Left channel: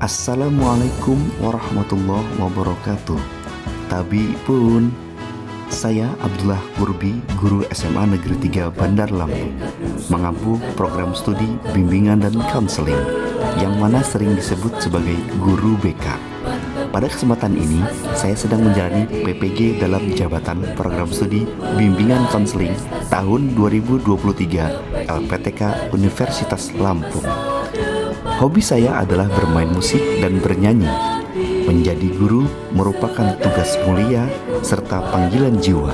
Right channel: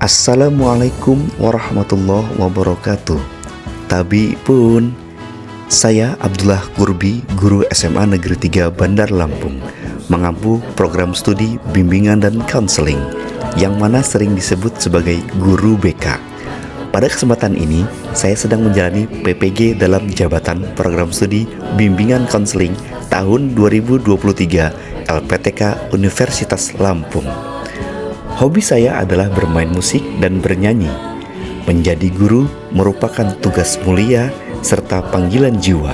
Assalamualaikum warahmatullahi wabarakatuh. Tabi pun, saya Abdullah Qurbi, guru SMA Negeri 3 Bandar Lampung, mengampu program studi bimbingan dan konseling, yang mana sering disebut sebagai guru BK. Pada kesempatan ini, saya sedang menjalani PPG dalam jabatan program studi bimbingan konseling tahun 2023 LPTK Universitas Lampung. Hobi saya adalah bermain musik dan bernyanyi. Menjadi guru merupakan tugas mulia serta panggilan jiwa.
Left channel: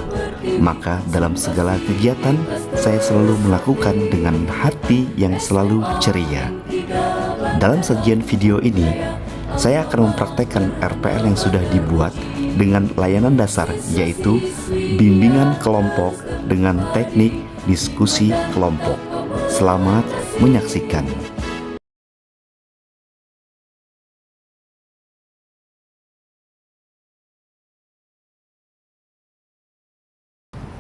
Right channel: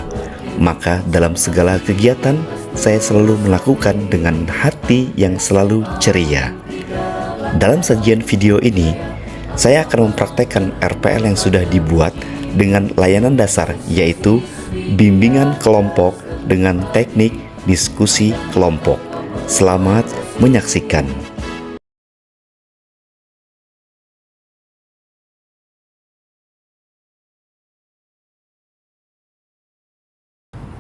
Maka dalam segala kegiatan, saya selalu melakukan dengan hati yang selalu ceria. Dalam sajian video ini, saya akan mempraktekkan RPL yang sudah dibuat dengan layanan dasar, yaitu bimbingan kelompok dengan teknik diskusi kelompok. Selamat menyaksikan.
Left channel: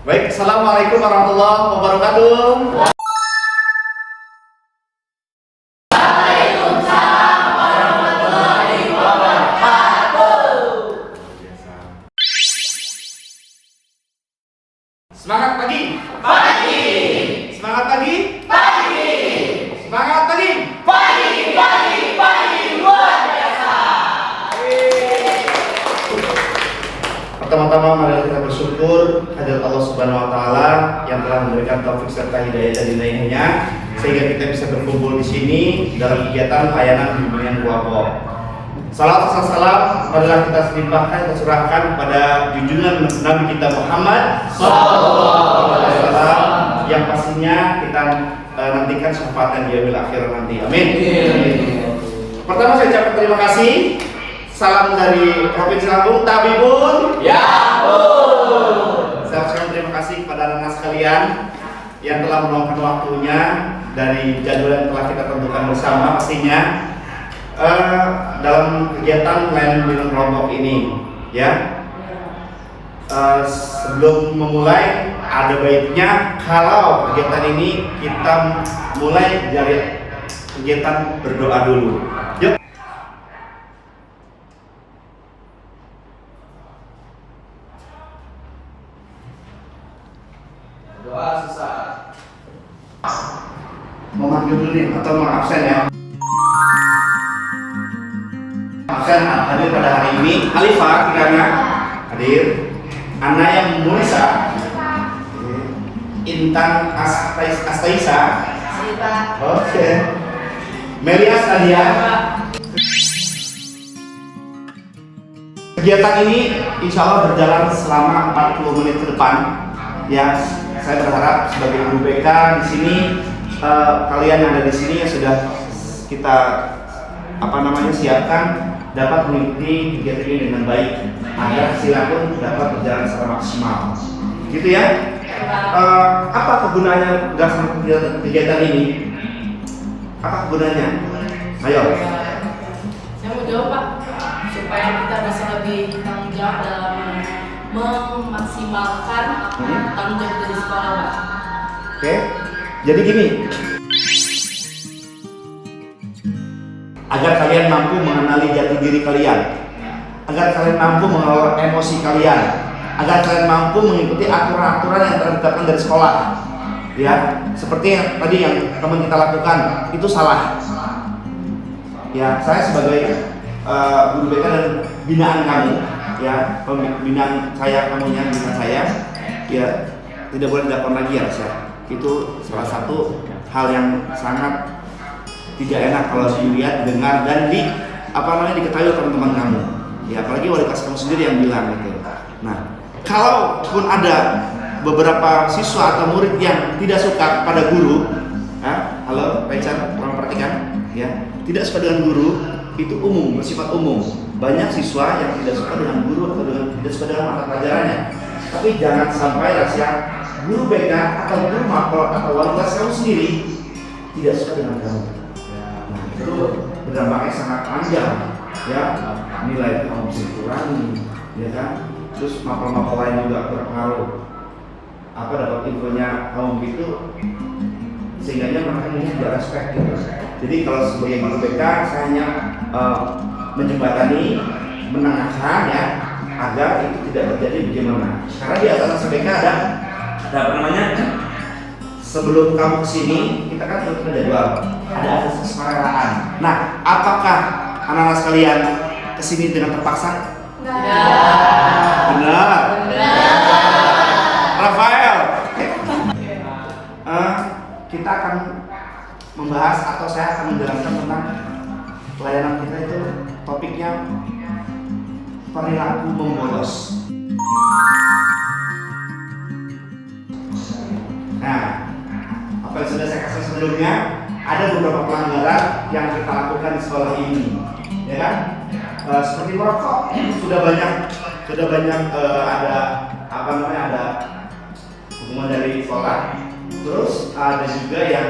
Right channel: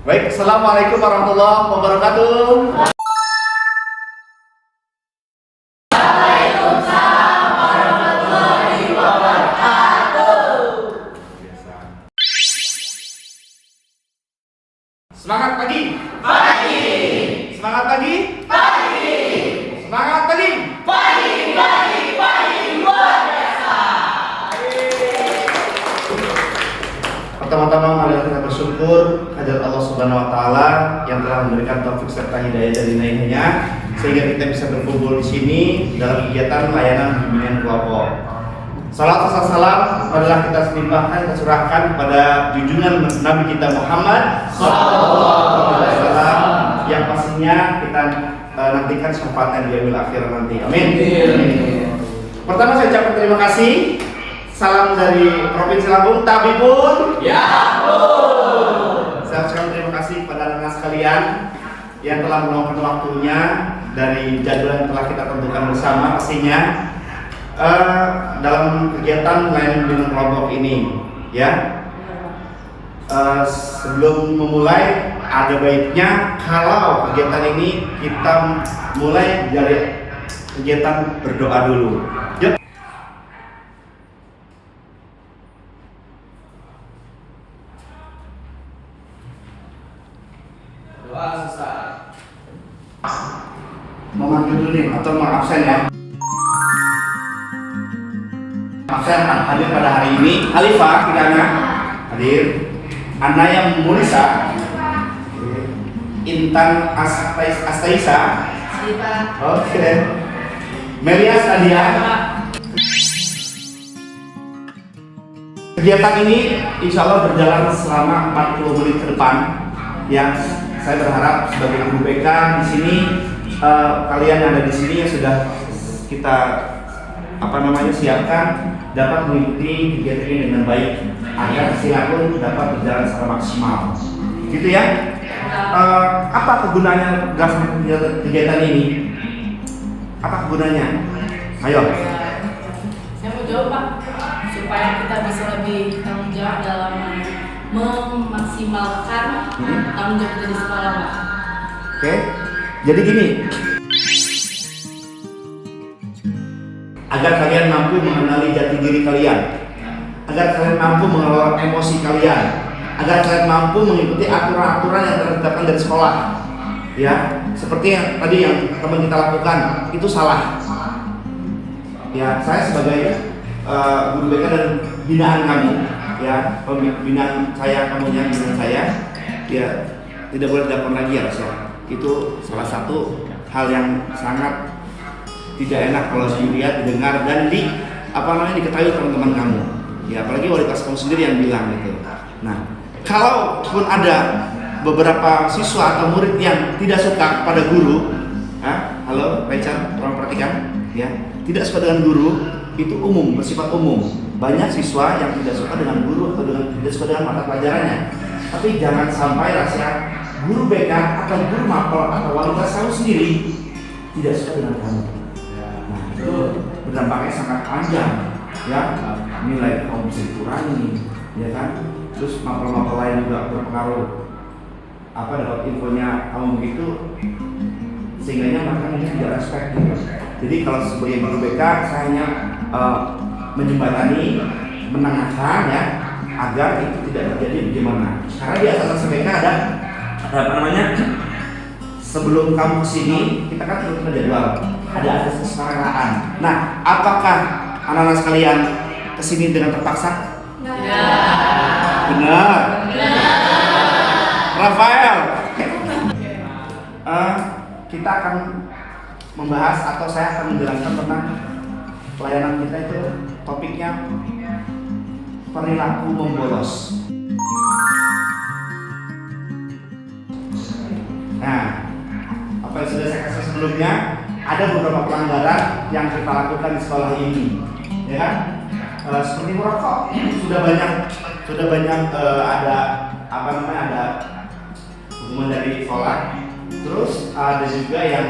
Baik, Assalamualaikum warahmatullahi wabarakatuh. Semangat pagi. Pagi. Semangat pagi. Pagi. Semangat pagi. Pagi, pagi, pagi, luar biasa. Pertama-tama marilah kita bersyukur kehadirat Allah Subhanahu wa taala yang telah memberikan taufik serta hidayah dari inayahnya sehingga kita bisa berkumpul di sini dalam kegiatan layanan bimbingan kelompok. Salam marilah kita limpahkan, kita curahkan kepada junjungan Nabi kita Muhammad SAW yang pastinya kita nantikan syafaatnya di yaumil akhir nanti. Amin. Pertama saya ucapkan terima kasih. Salam dari Provinsi Lampung, Tabi pun. Ya pun. Saya ucapkan terima kasih kepada anak-anak sekalian yang telah meluangkan waktunya dari jadwal yang telah kita tentukan bersama pastinya. Dalam kegiatan layanan bimbingan kelompok ini, ya. Sebelum memulai, ada baiknya kalau kegiatan ini kita mulai dari kegiatan berdoa dulu. Yuk. Doa selesai. Mau maju dulu nih atau mau absen ya? Absen hadir pada hari ini Halifah Kirana hadir, Ana yang Mulisa, Intan Astaisa, oke, Melias Nadia. Kegiatan ini insya Allah berjalan selama 40 menit ke depan. Ya, saya berharap sebagai guru BK di sini kalian yang ada di sini yang sudah kita siapkan dapat mengikuti kegiatan ini dengan baik agar hasilnya pun dapat berjalan secara maksimal. Gitu ya. Apa kegunaannya kegiatan ini? Apa kegunaannya? Ayo. Saya mau jawab, Pak, supaya kita bisa lebih tanggung jawab dalam memaksimalkan tanggung jawab kita di sekolah, Pak. Oke. Jadi gini. Agar kalian mampu mengenali jati diri kalian, agar kalian mampu mengelola emosi kalian, agar kalian mampu mengikuti aturan-aturan yang telah ditetapkan dari sekolah. Ya, seperti yang tadi yang teman kita lakukan, itu salah. Ya, saya sebagai guru BK dan binaan kamu, ya, pembinaan saya, kamunya binaan saya, ya tidak boleh dilakukan lagi ya, Mas ya. Itu salah satu hal yang sangat tidak enak kalau dilihat, didengar, dan diketahui teman-teman kamu. Ya, apalagi wali kelas kamu sendiri yang bilang gitu. Nah, kalau pun ada beberapa siswa atau murid yang tidak suka pada guru, halo, Rachel, tolong perhatikan, ya, tidak suka dengan guru itu umum, bersifat umum. Banyak siswa yang tidak suka dengan guru atau tidak suka dengan mata pelajarannya. Tapi jangan sampai rasa guru BK atau guru mapel atau wali kelas kamu sendiri tidak suka dengan kamu. Itu berdampaknya sangat panjang, ya, nilai kamu bisa dikurangi, ya kan, terus mapel-mapel lain juga berpengaruh, dapat infonya kamu begitu, sehingga mereka mungkin tidak respect gitu. Jadi kalau sebagai guru BK saya hanya menjembatani, menengahan ya, agar itu tidak terjadi bagaimana. Karena di atas BK ada apa namanya? Sebelum kamu kesini, kita kan harus menjadwal. Ada asas kesukaraan. Nah, apakah anak-anak sekalian kesini dengan terpaksa? Benar. Rafael. Kita akan membahas atau saya akan menjelaskan tentang pelayanan kita itu topiknya perilaku membolos. Nah, apa yang sudah saya kasih sebelumnya, ada beberapa pelanggaran yang kita lakukan di sekolah ini, ya kan? Seperti merokok, sudah banyak ada apa namanya, ada hukuman dari sekolah. Terus ada juga yang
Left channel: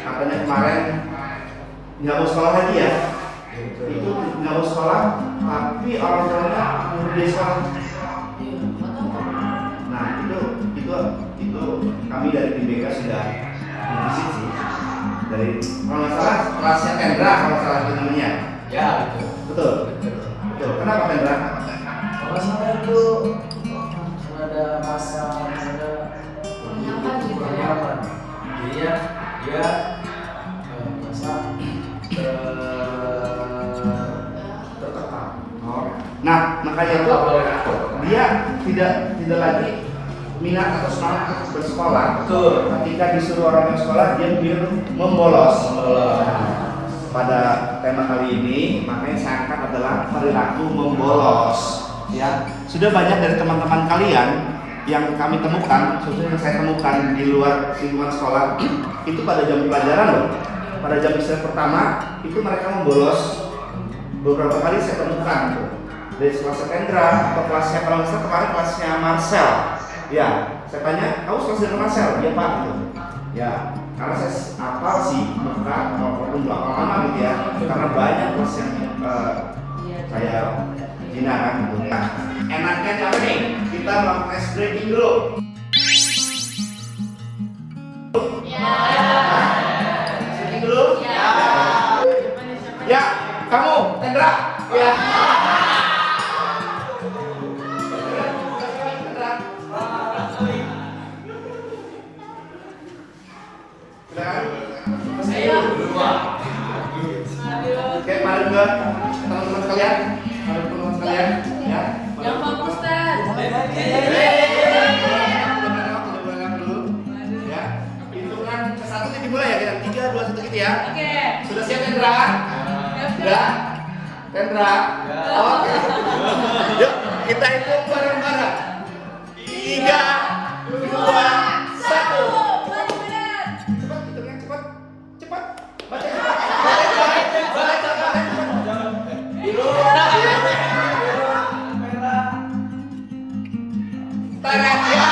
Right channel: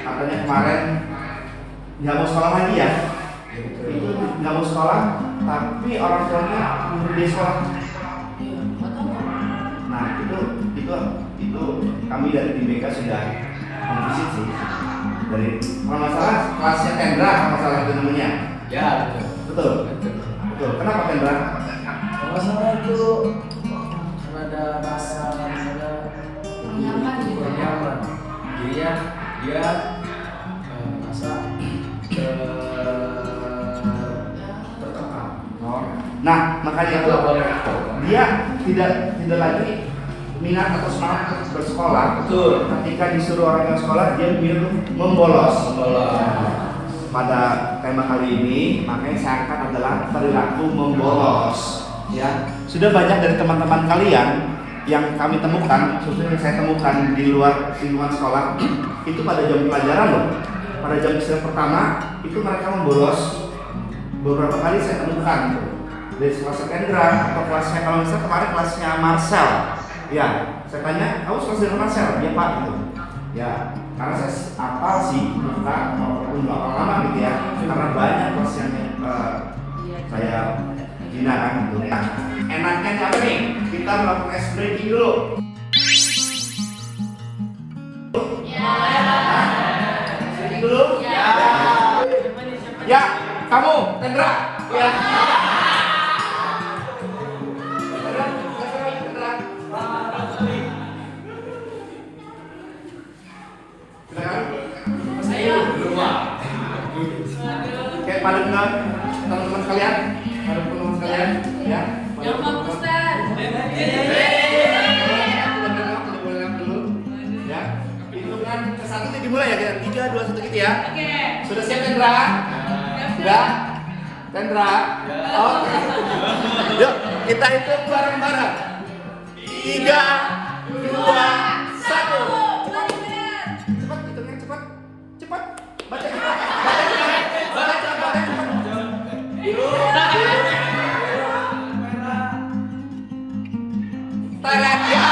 katanya kemarin nggak mau sekolah lagi ya, itu nggak mau sekolah, tapi orang tuanya di sekolah. Nah itu kami dari BBK sudah memvisit sih, dari kalau nggak salah kelasnya Kendra, kalau salah itu namanya. Ya, Betul. Kenapa Kendra? kalau nggak salah itu karena ada masa ada Menyenangkan gitu. nyaman. Jadinya dia masa tertekan. Nah makanya itu Nggak boleh. dia tidak lagi minat atau semangat untuk bersekolah. Betul. Ketika disuruh orang ke sekolah, dia memilih membolos. Membolos. Pada tema kali ini, makanya saya angkat adalah perilaku membolos. Ya, sudah banyak dari teman-teman kalian yang kami temukan, khususnya yang saya temukan di luar lingkungan sekolah, itu pada jam pelajaran loh, pada jam istirahat pertama itu mereka membolos. Beberapa kali saya temukan tuh, dari kelas Kendra atau kelasnya, kalau misalnya kemarin kelasnya Marcel. Ya, saya tanya, kamu kelas dari Marcel? Dia Pak gitu. Ya, karena saya apal sih, bukan maupun berapa lama gitu ya, karena banyak kelas yang saya gunakan gitu. Nah, enaknya apa nih? Kita melakukan ice breaking dulu. Breaking dulu? Ya, kamu, Kendra. Ya. Oke, pada juga teman-teman sekalian, ya. Yang belum Ustaz. Ya, hitungan ke satu nih dimulai ya, kita 3, 2, 1 gitu ya. Oke. Sudah siap Kendra? Sudah? Kendra? Oke. Yuk, kita hitung bareng-bareng. 3, 2, 1. Cepat, hitungnya cepat. Cepat. Baca cepat. Baca cepat. Biru. Teret ya.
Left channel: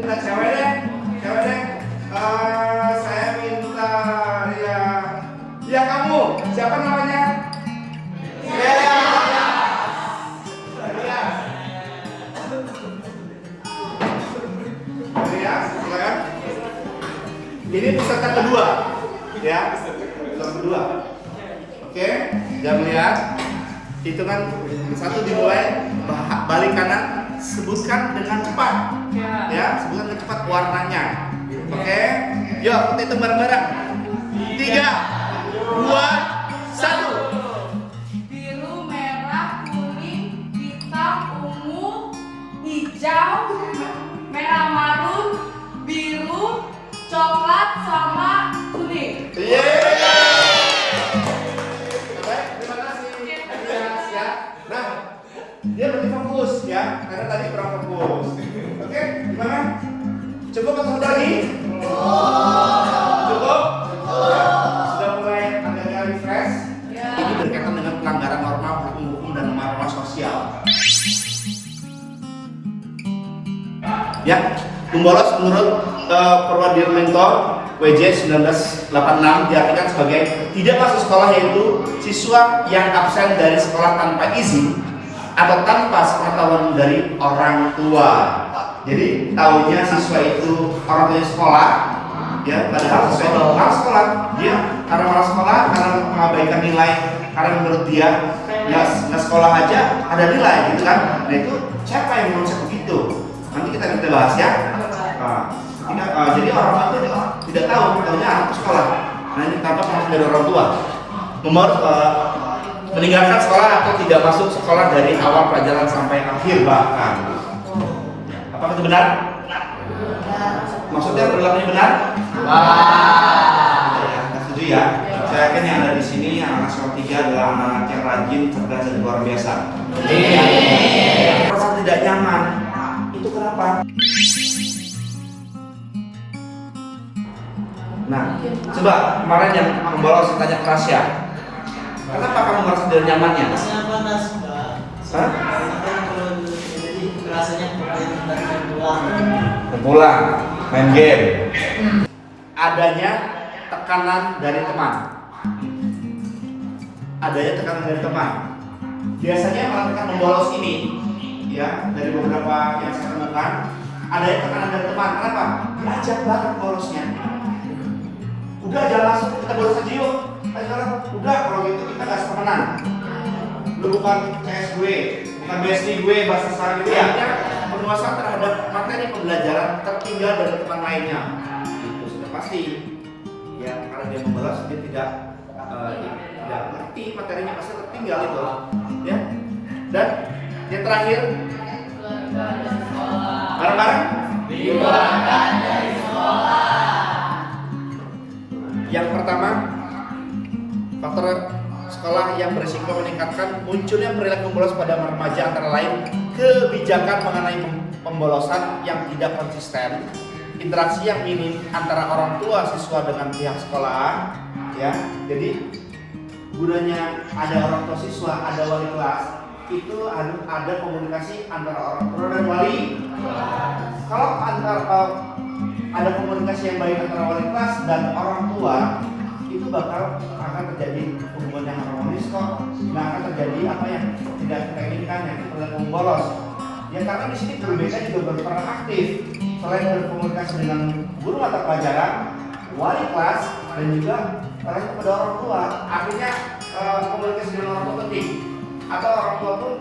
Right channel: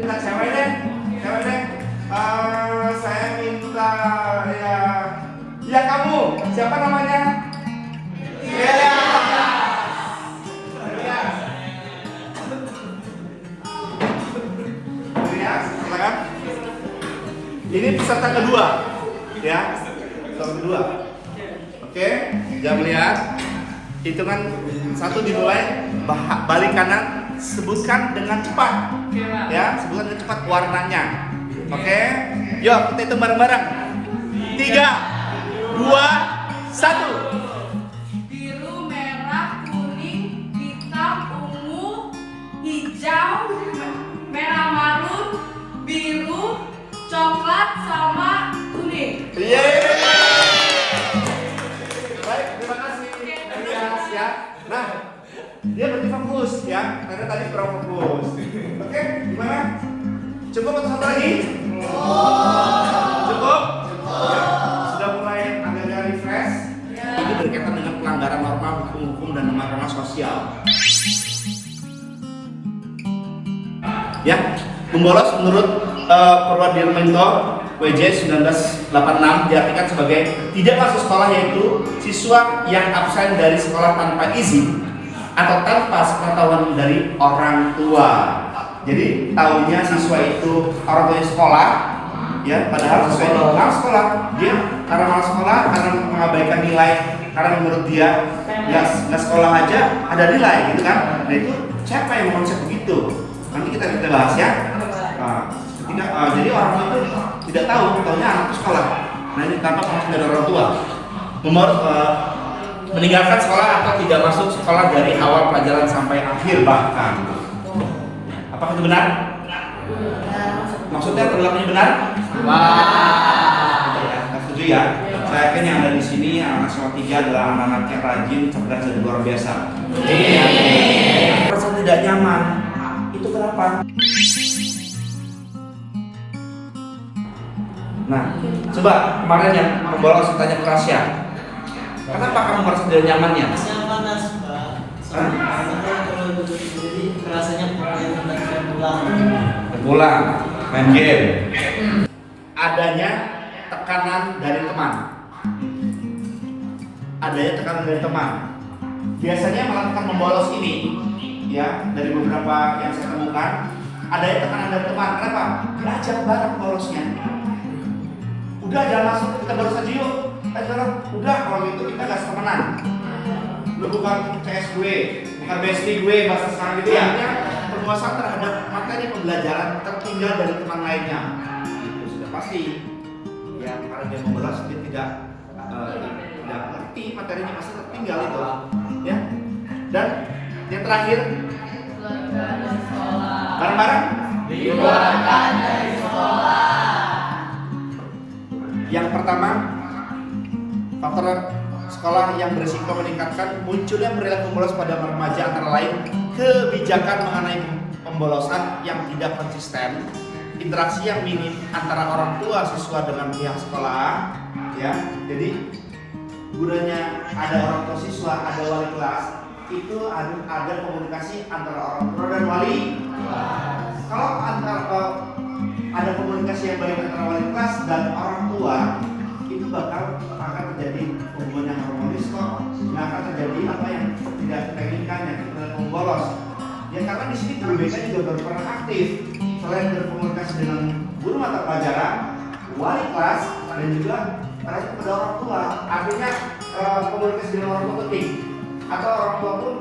Kita cewek deh. Saya minta ya kamu. Siapa namanya? Ya. Silakan. Ini peserta kedua, ya. Peserta kedua. Oke, jangan melihat. Hitungan 1 dimulai, balik kanan, sebutkan dengan cepat. Ya, sebutkan dengan cepat warnanya. Oke, yuk kita hitung bareng-bareng. 3, 2, 1. Biru, merah, kuning, hitam, ungu, hijau, merah marun, biru, coklat, sama kuning. Baik, terima kasih. Ya. Nah, dia berarti fokus ya, karena tadi kurang fokus. Oke, gimana? Cukup atau satu lagi? Cukup? Sudah mulai agak refresh. Ini berkaitan dengan pelanggaran norma hukum dan norma sosial. Ya, membolos menurut Purwadirmento WJ 1986 diartikan sebagai tidak masuk sekolah, yaitu siswa yang absen dari sekolah tanpa izin atau tanpa sepengetahuan dari orang tua. Jadi tahunya siswa itu orang tuanya sekolah, ya padahal sesuai dengan malas sekolah. Dia karena malas sekolah, karena mengabaikan nilai, karena menurut dia nggak sekolah aja ada nilai gitu kan. Nah itu siapa yang mengonsep begitu? Nanti kita bahas ya. Jadi orang tua itu tidak tahu, tahunya anak itu sekolah. Nah ini tanpa pengawasan dari orang tua, meninggalkan sekolah atau tidak masuk sekolah dari awal pelajaran sampai akhir bahkan. Apakah itu benar? Maksudnya perilakunya benar? Nggak setuju ya? Saya yakin yang ada di sini yang anak sekolah 3 adalah anak-anak yang rajin, cerdas dan luar biasa. Merasa tidak nyaman. Itu kenapa? Nah, coba kemarin yang membolos tanya ke Tasya, kenapa kamu merasa tidak nyamannya? Rasanya panas, Pak. Jadi rasanya pokoknya pengen pulang. Main game. Adanya tekanan dari teman. Biasanya melakukan membolos ini, ya dari beberapa yang saya temukan, adanya tekanan dari teman. Kenapa? Diajak banget membolosnya. Udah jangan langsung kita bolos aja yuk. Sekarang udah kalau gitu kita nggak temenan. Lu bukan CS gue, bukan bestie gue, bahasa sekarang itu ya. Penguasaan terhadap materi pembelajaran tertinggal dari teman lainnya. Itu sudah pasti. Ya karena dia membolos dia tidak ngerti materinya, pasti tertinggal itu. Ya. Dan yang terakhir bareng-bareng dikeluarkan dari sekolah. Yang pertama, faktor sekolah yang berisiko meningkatkan munculnya perilaku bolos pada remaja antara lain kebijakan mengenai pembolosan yang tidak konsisten, interaksi yang minim antara orang tua siswa dengan pihak sekolah, ya. Jadi gunanya ada orang tua siswa, ada wali kelas, itu harus ada komunikasi antara orang tua dan wali. Kalau ada komunikasi yang baik antara wali kelas dan orang tua, itu akan terjadi hubungan yang harmonis kok. Nggak akan terjadi apa yang tidak kita inginkan, yang perilaku bolos. Ya karena di sini guru BK juga berperan aktif selain berkomunikasi dengan guru mata pelajaran, wali kelas dan juga kepada orang tua. Artinya komunikasi dengan orang tua penting. Atau orang tua pun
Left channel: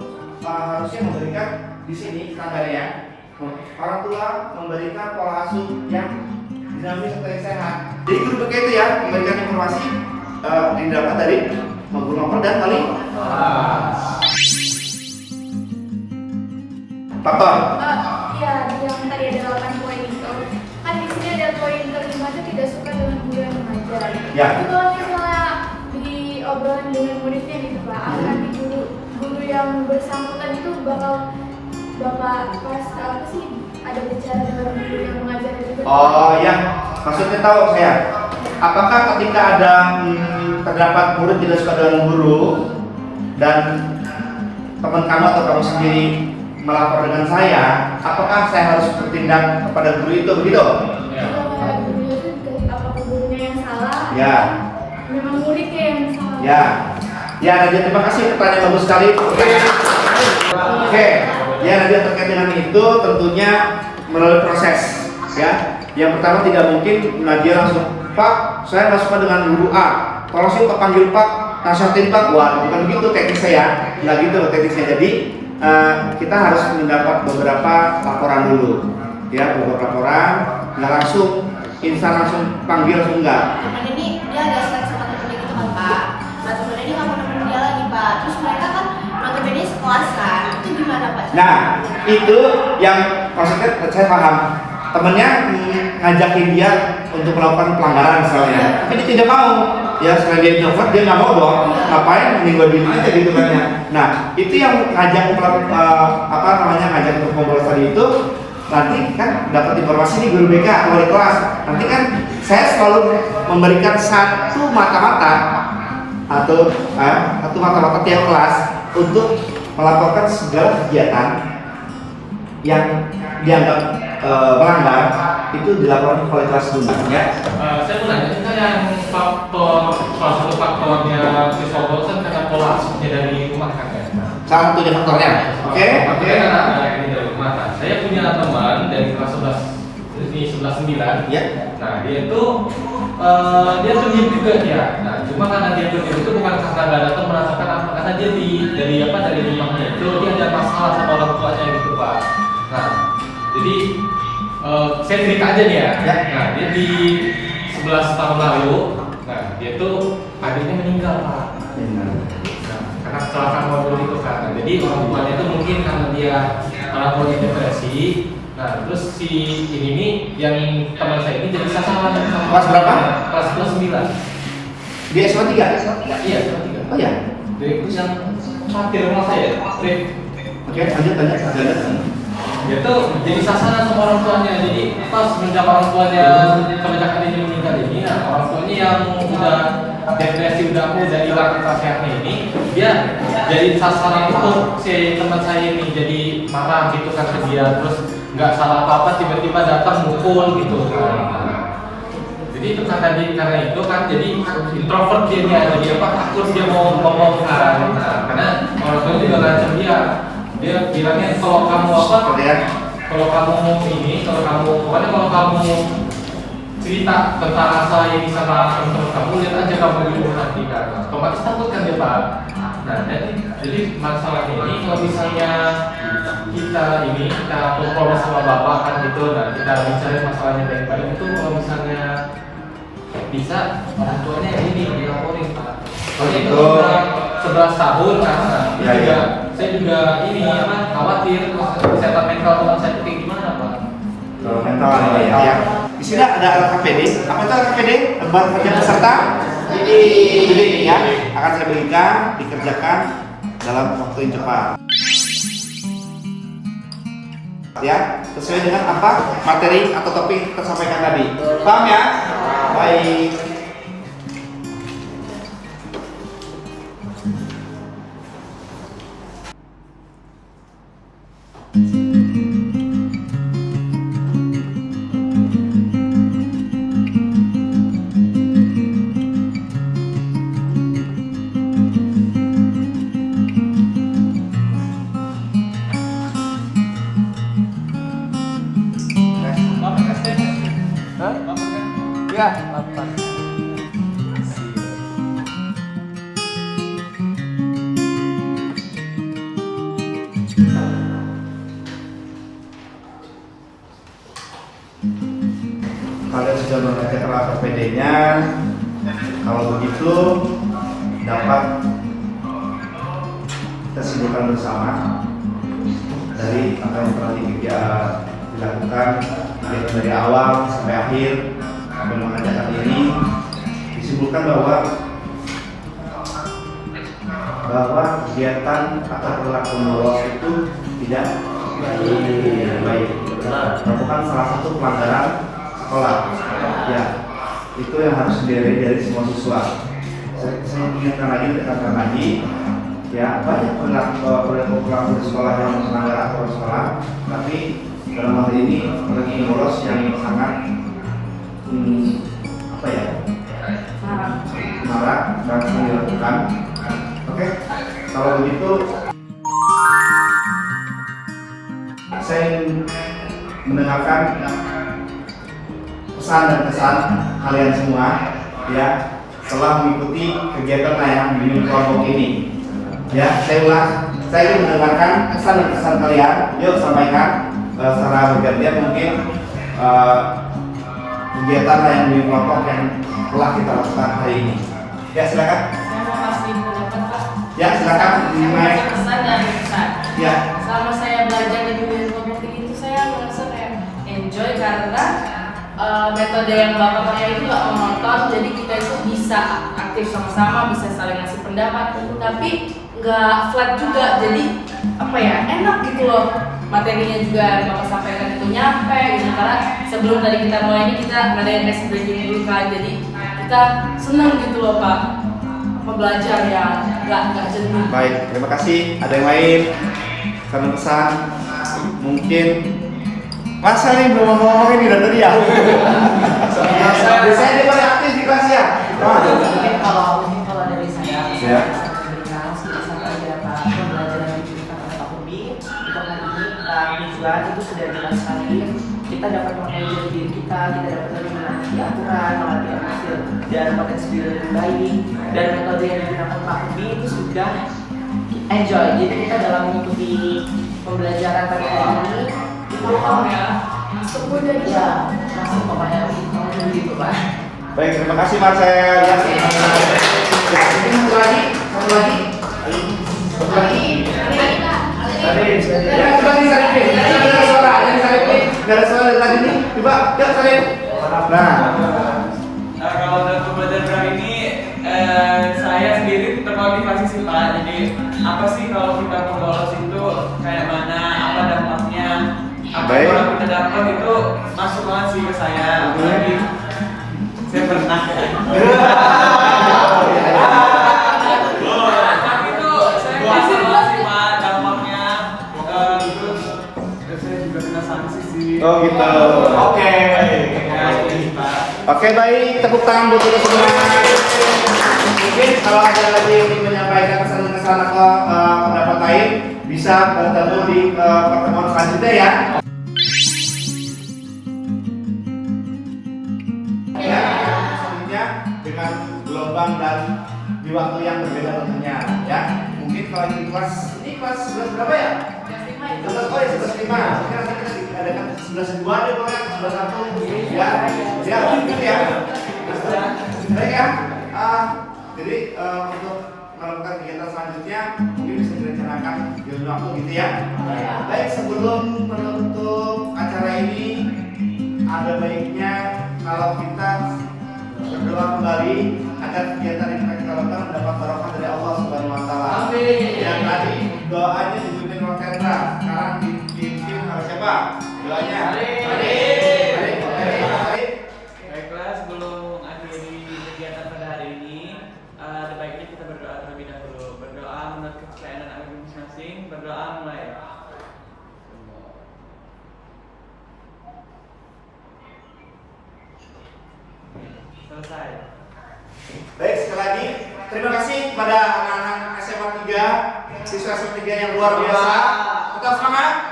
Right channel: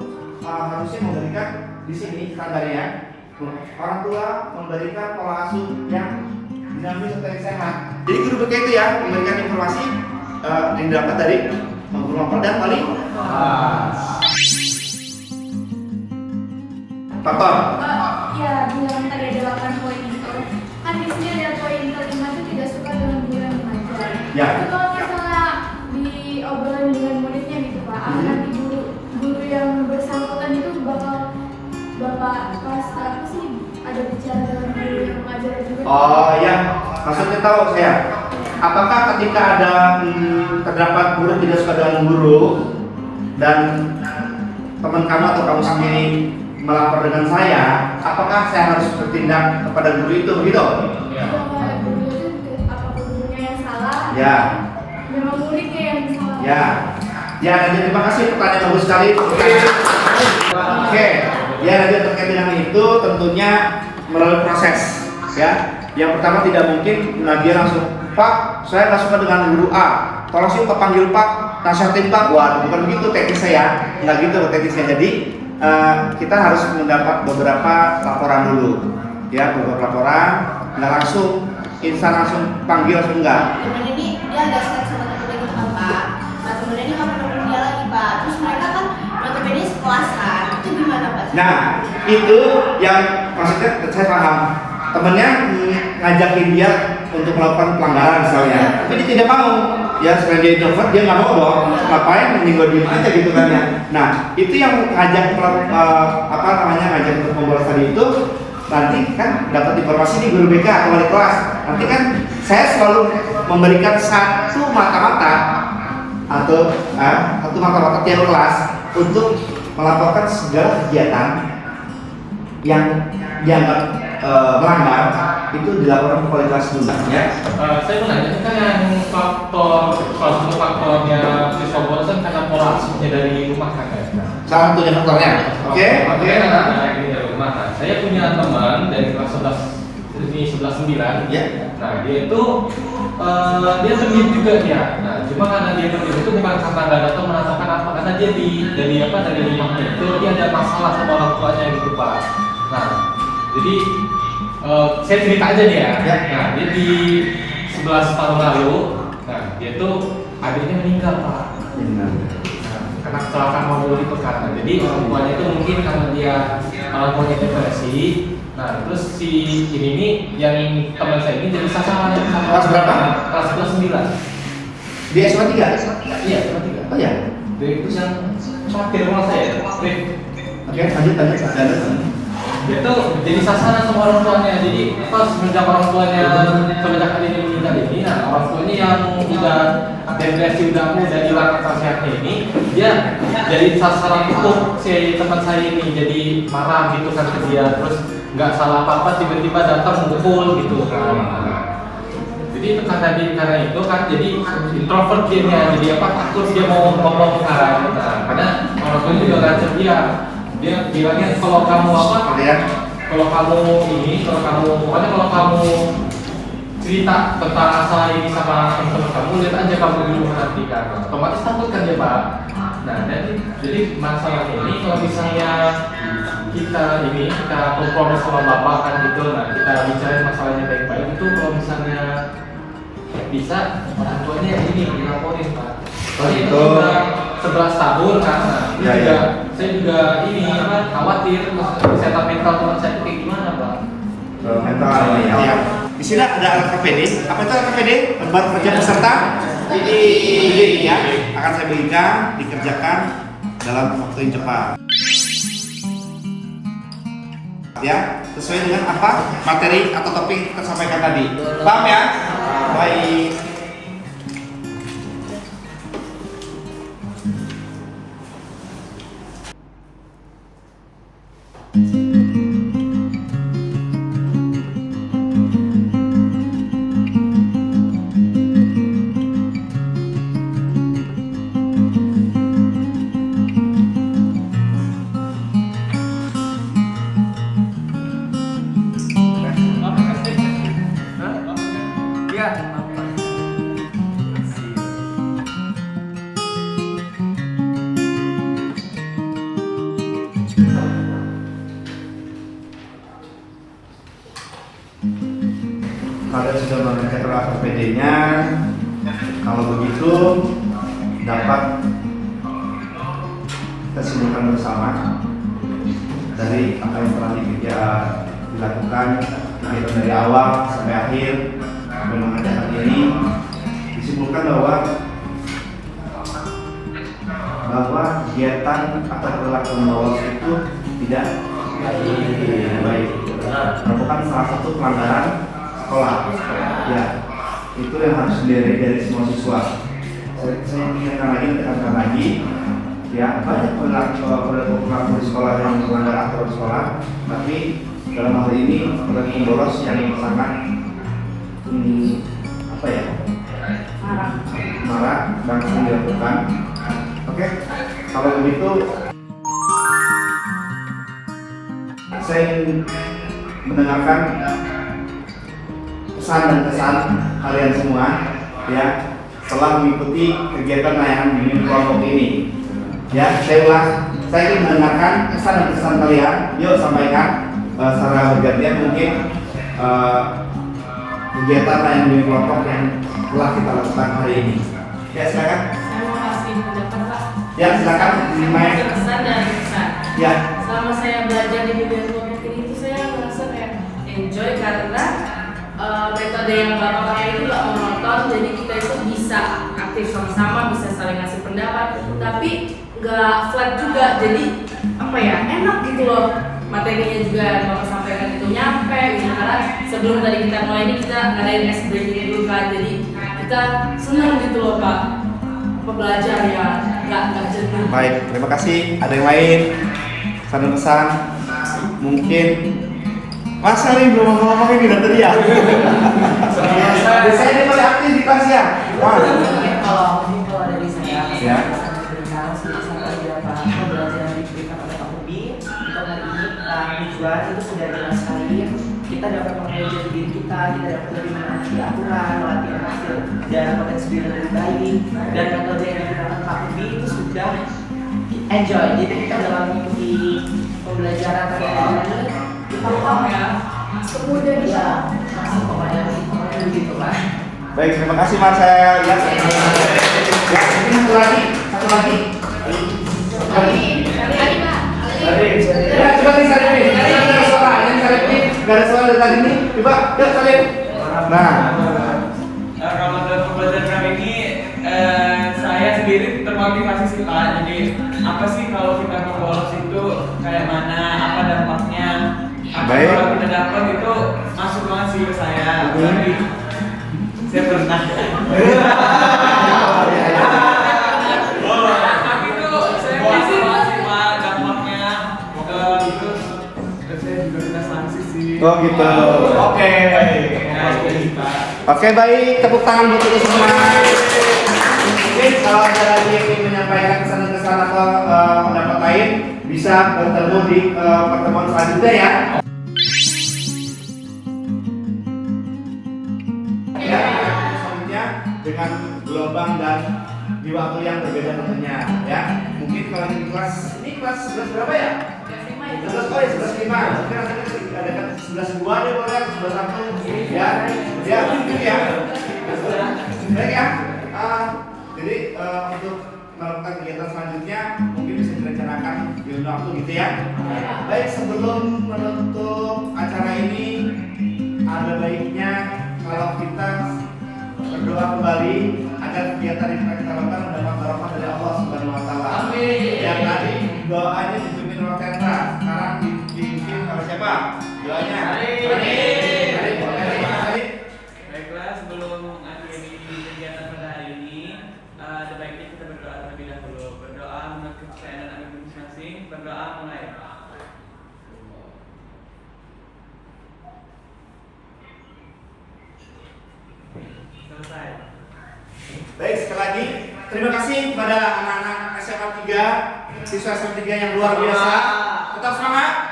harusnya memberikan di sini standarnya. Orang tua memberikan pola asuh yang dinamis serta sehat. Jadi guru BK itu ya memberikan informasi yang dapat dari guru mapel dan wali. Faktor. Ya, yang tadi ada 8 poin itu. Kan di sini ada poin kelima itu tidak suka dengan guru yang mengajar. Ya. Itu kalau misalnya diobrolan dengan muridnya gitu Pak, apakah di guru yang bersangkutan itu bakal Bapak pas apa sih ada bicara dengan guru yang mengajar juga? Oh ya, maksudnya tahu saya. Apakah ketika ada terdapat guru tidak suka dengan guru dan teman kamu atau kamu sendiri melapor dengan saya, apakah saya harus bertindak kepada guru itu begitu? Apakah gurunya yang salah? Ya. Memang muridnya yang salah? Ya. Ya, Nadia, terima kasih, pertanyaan bagus sekali. Oke. Ya, Nadia, terkait dengan itu tentunya melalui proses. Ya. Yang pertama tidak mungkin Nadia langsung, Pak, saya nggak suka dengan guru A. Tolong sih Pak panggil Pak, nasihatin Pak. Wah, bukan begitu teknisnya ya. Nggak gitu teknisnya. Jadi kita harus mendapat beberapa laporan dulu. Ya, beberapa laporan. Nggak langsung instan langsung panggil langsung enggak. Temen ini dia agak strike sama temennya gitu kan Pak. Nah temennya ini nggak mau nemenin dia lagi Pak. Terus mereka kan notabene sekelas kan. Itu gimana Pak? Nah, itu yang maksudnya saya paham. Temennya ngajakin dia untuk melakukan pelanggaran misalnya, tapi dia tidak mau. Ya, selain dia introvert, dia nggak mau dong. Ngapain? Mending gue diem aja gitu kan ya. Nah, itu yang ngajak ngajak untuk membolos tadi itu. Nanti kan dapat informasi nih guru BK atau wali kelas. Nanti kan saya selalu memberikan satu mata-mata atau satu mata-mata tiap kelas untuk melaporkan segala kegiatan yang dianggap melanggar itu dilaporkan ke wali kelas dulu ya. Saya mau nanya, kan yang faktor salah satu faktornya siswa bolos kan karena pola asuhnya dari rumah kan ya? Salah satunya faktornya. Oke. Dari rumah kan. Saya punya teman dari kelas 11 ini 11-9. Ya. Nah, Nah dia itu dia pendiam juga dia. Nah cuma karena dia pendiam itu bukan karena nggak datang merasakan apa, karena dia dari rumahnya itu dia ada masalah sama orang tuanya gitu Pak. Nah jadi saya cerita aja dia. Ya. Nah dia di 11 tahun lalu, nah dia tuh adiknya meninggal Pak. Nah, karena kecelakaan mobil itu kan. Nah, jadi orang tuanya itu mungkin karena dia orang tuanya depresi. Nah, terus si ini nih yang teman saya ini jadi sasaran sama Kelas berapa? Kelas 9. Di SMA 3? Iya, SMA 3. Oh ya. Itu yang terakhir rumah saya. Oke, lanjut. Dia tuh jadi sasaran sama orang tuanya. Jadi pas semenjak orang tuanya kebanyakan ini meninggal ini, nah orang tuanya yang udah depresi udah hilang akal sehatnya ini, dia jadi sasaran untuk si teman saya ini, jadi marah gitu kan ke dia, terus nggak salah apa-apa tiba-tiba datang mukul gitu kan. Jadi itu karena itu kan jadi introvert dia, jadi apa takut dia mau ngomong kan. Nah, karena orang tuanya juga ngancam dia bilangnya kalau kamu kalau kamu cerita tentang masalah ini sama teman-teman kamu, lihat aja kamu di rumah nanti kan, otomatis takut kan dia Pak. Nah jadi masalah ini kalau misalnya kita kompromi sama bapak kan gitu, nah kita bicara masalahnya baik-baik itu, kalau misalnya bisa orang tuanya ini dilaporin Pak. Soalnya itu udah 11 tahun kan, nah, saya juga ini khawatir kesehatan mental teman saya itu kayak gimana Pak. Mental ya. Di sini ada LKPD. Apa itu LKPD? Lembar kerja peserta. Jadi ya akan saya berikan dikerjakan dalam waktu yang cepat. Ya, sesuai dengan apa materi atau topik tersampaikan tadi. Paham ya? Baik. Kalian sudah mengerjakan LKPD-nya. Kalau begitu dapat kita simpulkan bersama dari apa yang telah dilakukan kegiatan dari awal sampai akhir sampai mengerjakan ini. Disimpulkan bahwa kegiatan atau perilaku bolos itu tidak baik, merupakan salah satu pelanggaran sekolah. Ya, itu yang harus dilihat dari semua siswa. Saya ingatkan lagi, ya banyak perilaku di sekolah yang melanggar aturan sekolah, tapi dalam hal ini perilaku bolos yang sangat marak dan dilakukan. Oke, kalau begitu saya ingin mendengarkan pesan dan kesan kalian semua ya setelah mengikuti kegiatan layanan bimbing kelompok ini. Ya, saya ingin mendengarkan pesan dan kesan kalian. Yuk sampaikan secara bergantian mungkin kegiatan layanan bimbing kelompok yang telah kita lakukan hari ini. Ya, silakan. Saya mau kasih pendapat Pak. Ya, silakan. Kesan dan kesan. Ya. Selama saya belajar di bimbingan kelompok ini tuh saya merasa kayak enjoy karena metode yang Bapak pakai itu nggak monoton, jadi kita itu bisa aktif sama-sama, bisa saling ngasih pendapat, tapi nggak flat juga, jadi enak gitu loh. Materinya juga yang Bapak sampaikan itu nyampe gitu, karena sebelum tadi kita mulai ini kita ngadain ice breaking dulu kan, jadi kita senang gitu loh Pak, belajar yang nggak jenuh. Baik, terima kasih. Ada yang lain? Pesan mungkin masa nih belum ngomong ini dari tadi ya? Biasanya dia paling aktif di kelas ya. Mungkin kalau dari saya, Ya. saya memberikan sedikit saja Pak, pembelajaran yang diberikan oleh Pak Kurbi untuk hari ini tentang tujuan itu sudah jelas sekali. Kita kita dapat mengenali jati diri kita dapat lebih mengerti aturan, melatih emosi dan potensi diri lebih baik, dan metode yang digunakan Pak Kurbi itu sudah enjoy. Jadi kita dalam mengikuti pembelajaran pada hari ini kita Semudah ya masuk pemain begitu Pak. Baik, terima kasih Mas. Saya lihat ya, ini satu lagi. Tadi, coba nih saya ini. Nggak ada suara dari tadi nih. Coba, yuk kalian. Nah, kalau dalam pembelajaran kali ini saya sendiri termotivasi sih Pak. Jadi apa sih kalau kita mau bolos itu kayak mana, apa dampaknya, apa Baik. kalau kita dapat itu masuk banget sih ke saya. Apalagi saya pernah. Itu saya merasa banget sih Pak dampaknya. Terus saya juga kena sanksi sih. oh gitu. Oke. Ya, jadi Pak. Oke, baik, tepuk tangan buat kita semua. Mungkin kalau ada lagi yang ingin menyampaikan kesan-kesan atau pendapat lain, bisa bertemu di pertemuan selanjutnya ya. Ya, selanjutnya dengan gelombang dan di waktu yang berbeda tentunya. Ya, mungkin kalau ini kelas 11 berapa ya? 11, oh ya 11.5. Mungkin nanti kita adakan 11.2 ya, boleh 11.1 ya, gitu ya. Baik ya. Jadi untuk melakukan kegiatan selanjutnya mungkin bisa direncanakan di waktu gitu ya. Baik, sebelum menutup acara ini ada baiknya kalau kita berdoa kembali agar kegiatan yang kita lakukan mendapat barokah dari Allah Subhanahu Wa Taala. Amin. Dan tadi doanya dipimpin oleh Kendra, sekarang dipimpin oleh siapa? Doanya. Baiklah, sebelum mengakhiri kegiatan pada hari ini, ada baiknya kita berdoa terlebih dahulu. Berdoa menurut kepercayaan anak masing-masing. Berdoa mulai. Selesai. Baik, sekali lagi terima kasih kepada anak-anak SMA 3, siswa SMA 3 yang luar biasa. Tetap semangat.